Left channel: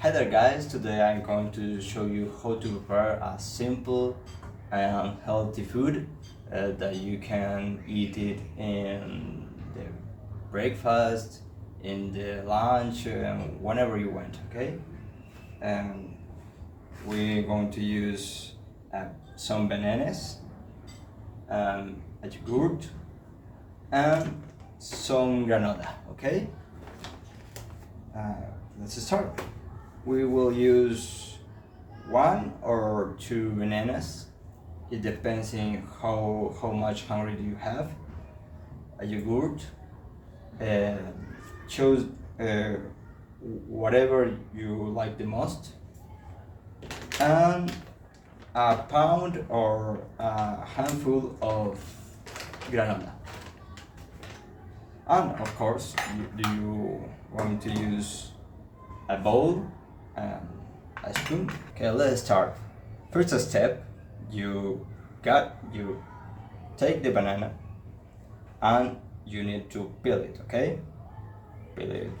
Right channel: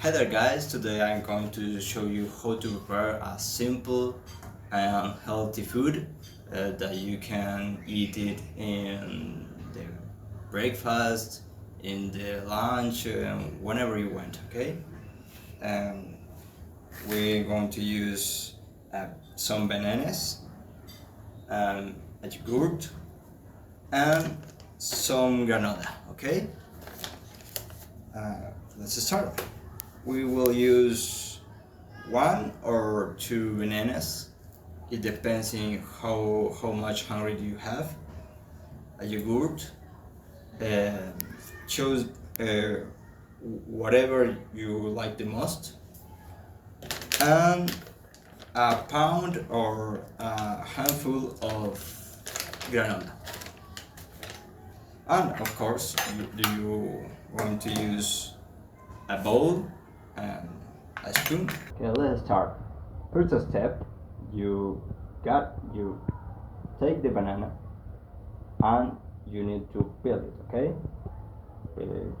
Hi there guys, today I'm going to show you how to prepare a simple and healthy food that you can eat it in the breakfast, in the lunch, whenever you want, okay? Um, we're going to use some bananas, a yogurt, and some granola, okay? Let's start. We will use 1 or 2 bananas. It depends on how much hungry you have. A yogurt. Choose whatever you like the most. And a pound or a handful of granola. And of course, you want to use a bowl and a spoon. Okay, let's start. First step, you take the banana and you need to peel it, okay? Peel it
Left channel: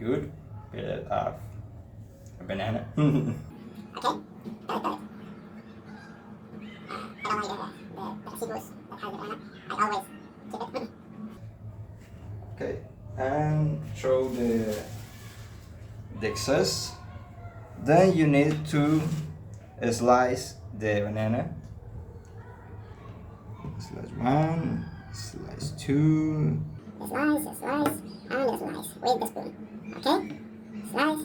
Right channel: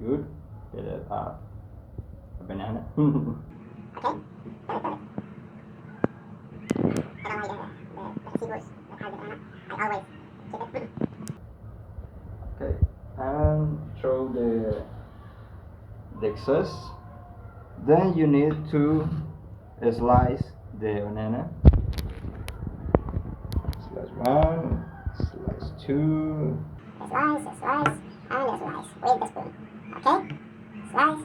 good, peel it off a banana. Okay, I don't like the receivers that has the banana. I always keep it. Okay, and throw the excess. Then you need to slice the banana. Slice 1, slice 2. Slice, and slice with the spoon. Okay? Slice.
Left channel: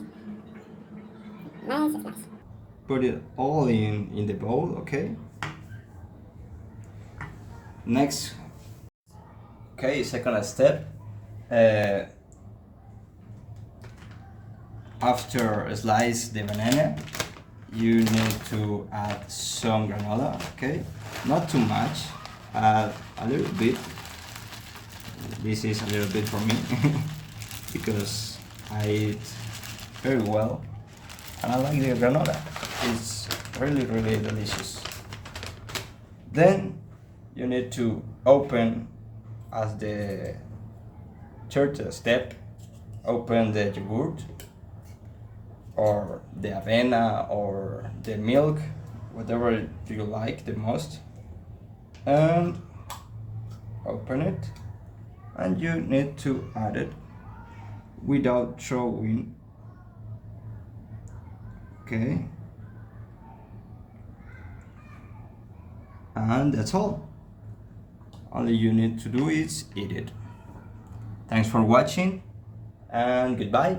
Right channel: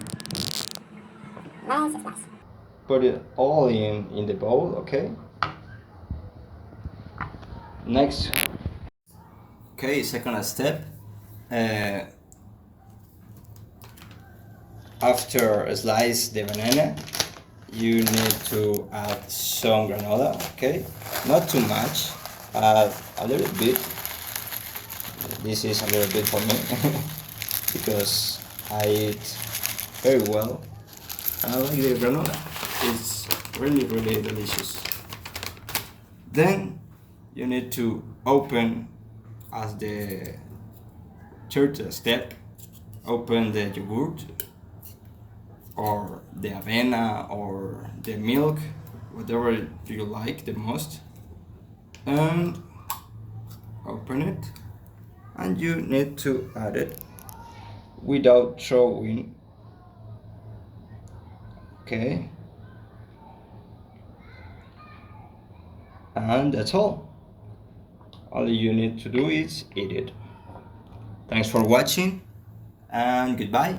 Put it all in the bowl, okay? Next. Okay, second step. After slice the banana, you need to add some granola, okay? Not too much, add a little bit. This is a little bit for me because I eat very well and I like the granola. It's really delicious. Then you need to open, as the third step, open the yogurt or the avena or the milk, whatever you like the most, and open it, and you need to add it without throwing, okay? And that's all. All you need to do is eat it. Thanks for watching and goodbye.